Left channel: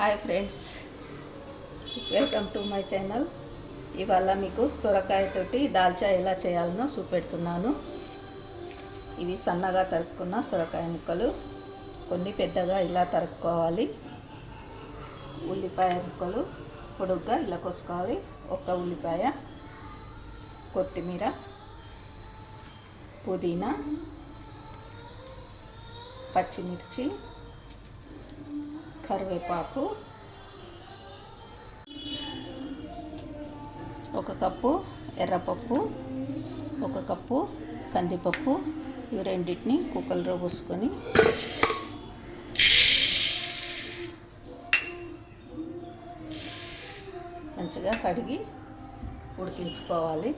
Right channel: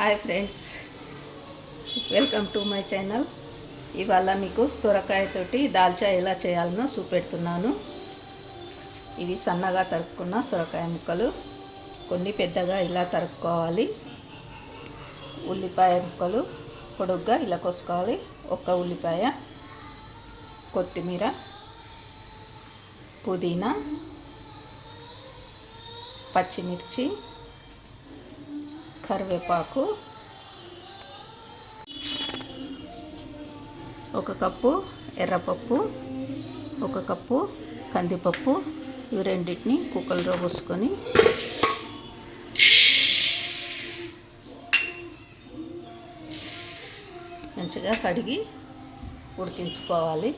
Hi friends, welcome to my channel. ఇవాళ మీకు సొరకాయతోటి దాల్చా ఎలా చేయాలనో చూపెడుతున్నాను. ఇవి సన్నగా తరుక్కున్న సొరకాయ ముక్కలు, కొన్ని పెద్దగా ఇలా తరుక్కోవాలి. ఉల్లిపాయ ముక్కలు పొడుగ్గా ఇలా కోసుకోవాలి. ఒక ఉల్లిపాయ, కొత్తిమీర, పుదీనా, పచ్చిమిర్చి, కరివేపాకు, ఒక కప్పు ఎర్రపప్పు, ఒక కప్పు కందిపప్పు. ఇవి రెండింటిని కుక్కర్లో పోసుకొని మంచిగా కడిగి ఉడికించుకోవాలి.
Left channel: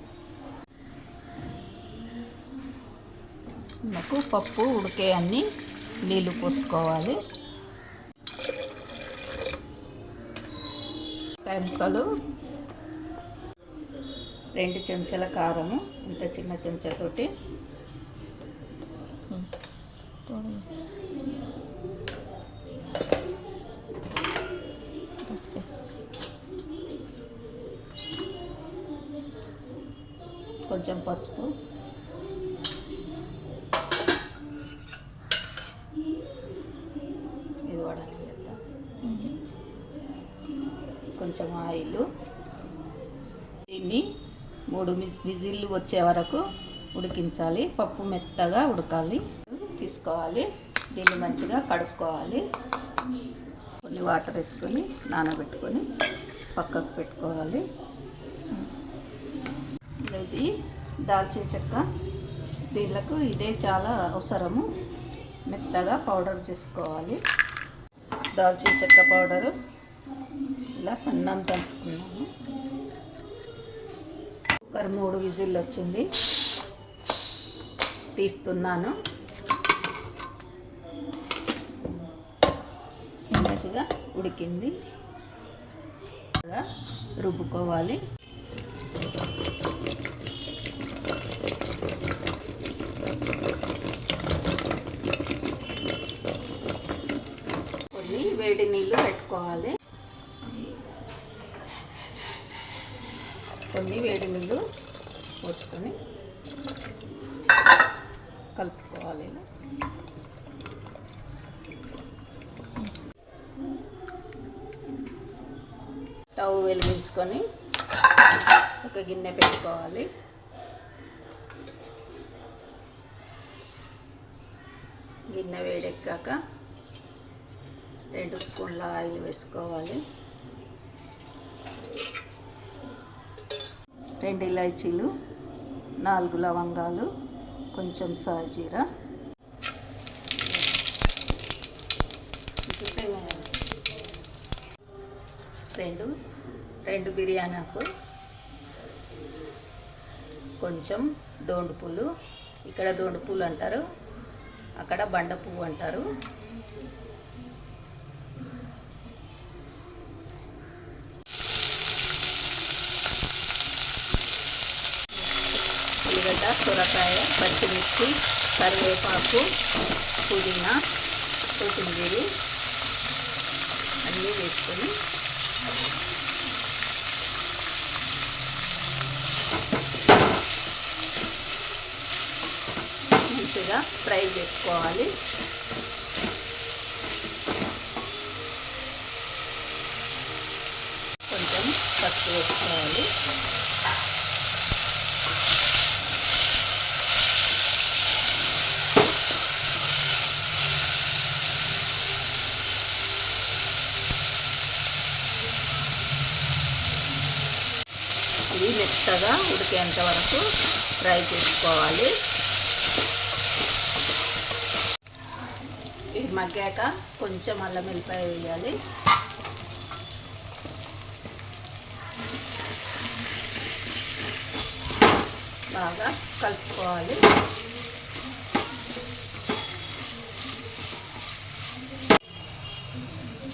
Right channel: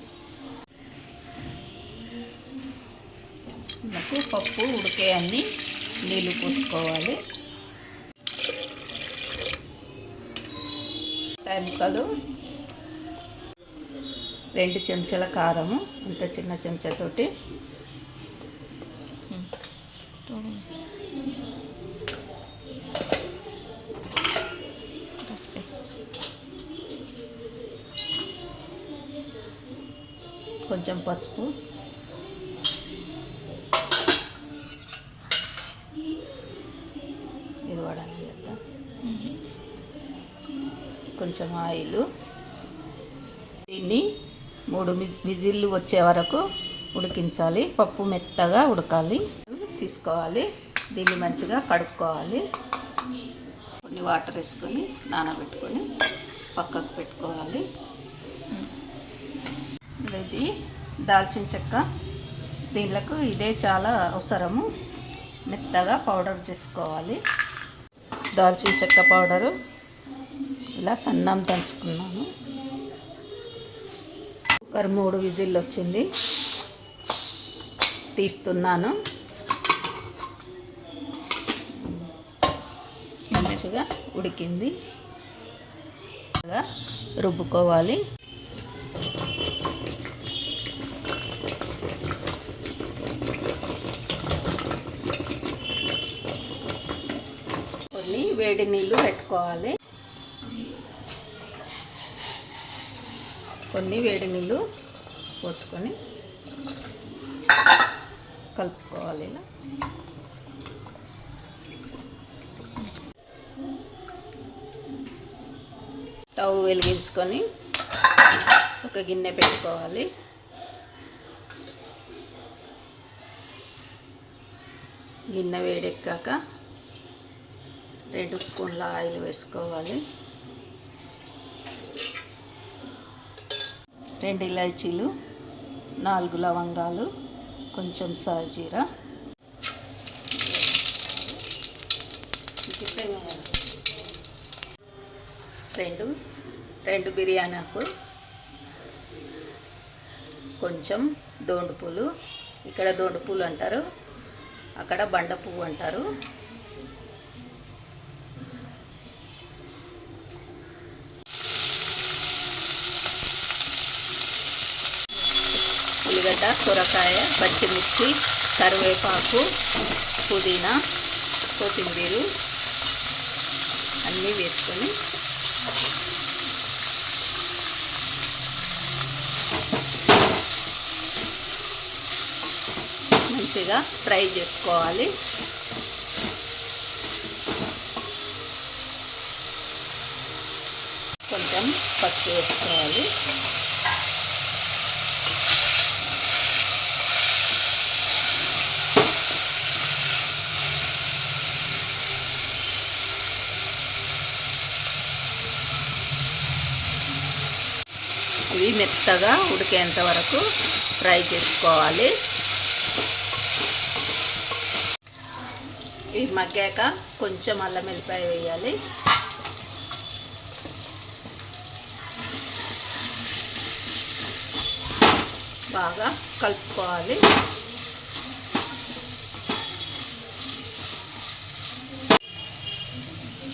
మనకు పప్పు ఉడికే అన్ని నీళ్ళు పోసుకోవాలి. ముక్కలు, 2 చెంచాల కారము, ఇంత చిన్న చెంచాతోటి, కొంచెం పసుపు, ఇది వాడాలి కదా, కొంచెం ఆయిల్. దీన్ని 3 విజిల్లు వచ్చే వరకు ఉడికించాలి. పప్పు మెత్తగా ఉడకాలి. తీసుకోవాలి, దీన్ని మంచిగా కడుక్కోవాలి. కొన్ని వాటర్ వేసుకొని నానబెట్టుకొని పక్కకు పెట్టుకోవాలి. ఇది దాల్చిన చెక్క, దీనికి ఇదే చాలా అవసరము. మెత్తగా పౌడర్ చేసుకోవాలి. దాల్చిన చెక్క పౌడరు ఇలా సన్నం దంచుకున్నాము. కుక్కర్ 3 విజిల్లు వచ్చింది, తీస్తున్నాను. మంచిగా ఉడికింది. రుబ్బుకోవాలి. కొన్ని వేడి నీళ్ళు పెట్టుకోవాలి. కొన్ని వేడి నీళ్ళు పోసుకొని కలుపుకోవాలి. ఇలా స్టవ్ వెలిగించుకొని ఒక గిన్నె పెట్టుకోవాలి. గిన్నె వేడెక్కాక 2 స్పూన్ల ఆయిల్ వేసుకోవాలి. 2 ఇలాచీలు, 4 లవంగాలు, కొంచెం సాజీరా, 2 బిర్యానీ ఆకు, కొంచెం దోండు పూలు. ఇక్కడ దోండు పూలు అంటారు, అక్కడ బండ పువ్వు అంటారు. ఉల్లిగడ్డ, సొరకాయ, పచ్చిమిర్చి, కరివేపాకు, పుదీనా, కొత్తిమీర అన్నీ వేసుకొని మంచిగా ఫ్రై చేసుకోవాలి. కొంచెం పసుపు వేసుకోవాలి. ఇవి మెత్తగా ఉడికేంత వరకు ఫ్రై చేసుకోవాలి. ఇవి మగ్గాక కొంచెం అల్లం వెల్లిపాయ వేయాలి. బాగా కలుపుకోవాలి.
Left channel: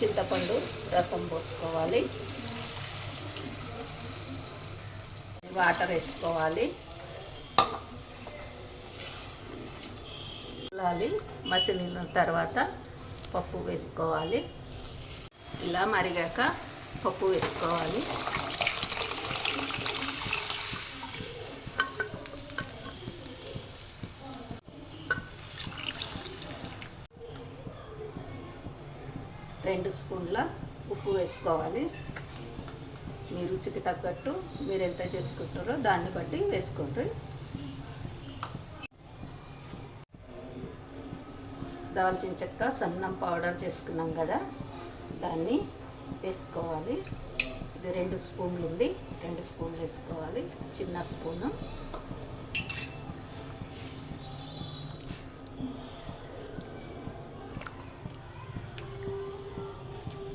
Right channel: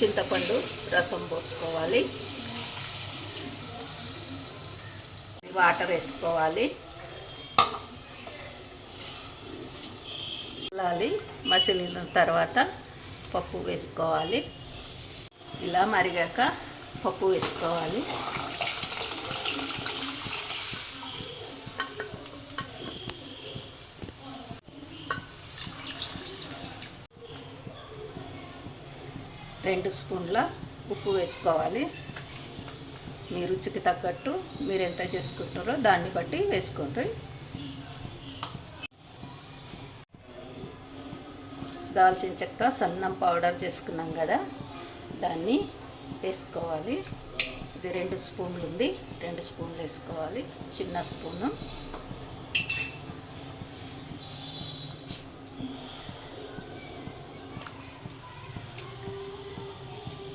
చింతపండు రసం పోసుకోవాలి. వాటర్ వేసుకోవాలి. మసిలిన తర్వాత పప్పు వేసుకోవాలి. ఇలా మరిగాక పప్పు వేసుకోవాలి. రెండు స్పూన్ల ఉప్పు వేసుకోవాలి. మీ రుచికి తగ్గట్టు మీరు ఎంత చేసుకుంటారో దాన్ని బట్టి వేసుకోండి. దాల్చిన చెక్క సన్నం పౌడర్ చేసుకున్నాం కదా, దాన్ని వేసుకోవాలి. ఇది 2 స్పూన్లు ఉంది, 2 స్పూన్లు వేసుకోవాలి. చిన్న స్పూను.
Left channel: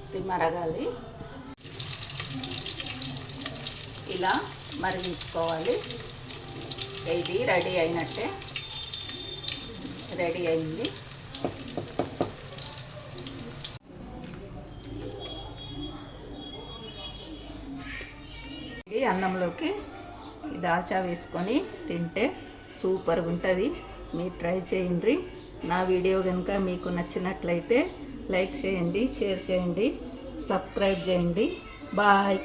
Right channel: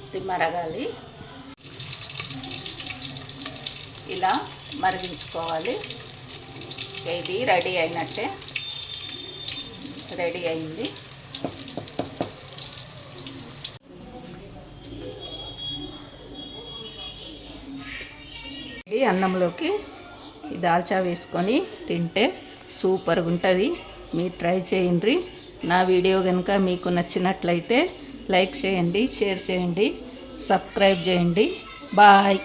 ఇది మరగాలి. ఇలా మరిగించుకోవాలి. ఇది రెడీ అయినట్టే, రెడీ అయింది. ఈ అన్నంలోకి ఈ దాల్చా వేసుకొని తింటే సూపర్గా ఉంటుంది. మీరు ట్రై చేయండి. నా వీడియో కనుక మీకు నచ్చినట్లయితే లైక్ చేయండి, షేర్ చేయండి, సబ్స్క్రైబ్ చేయండి. బాయ్.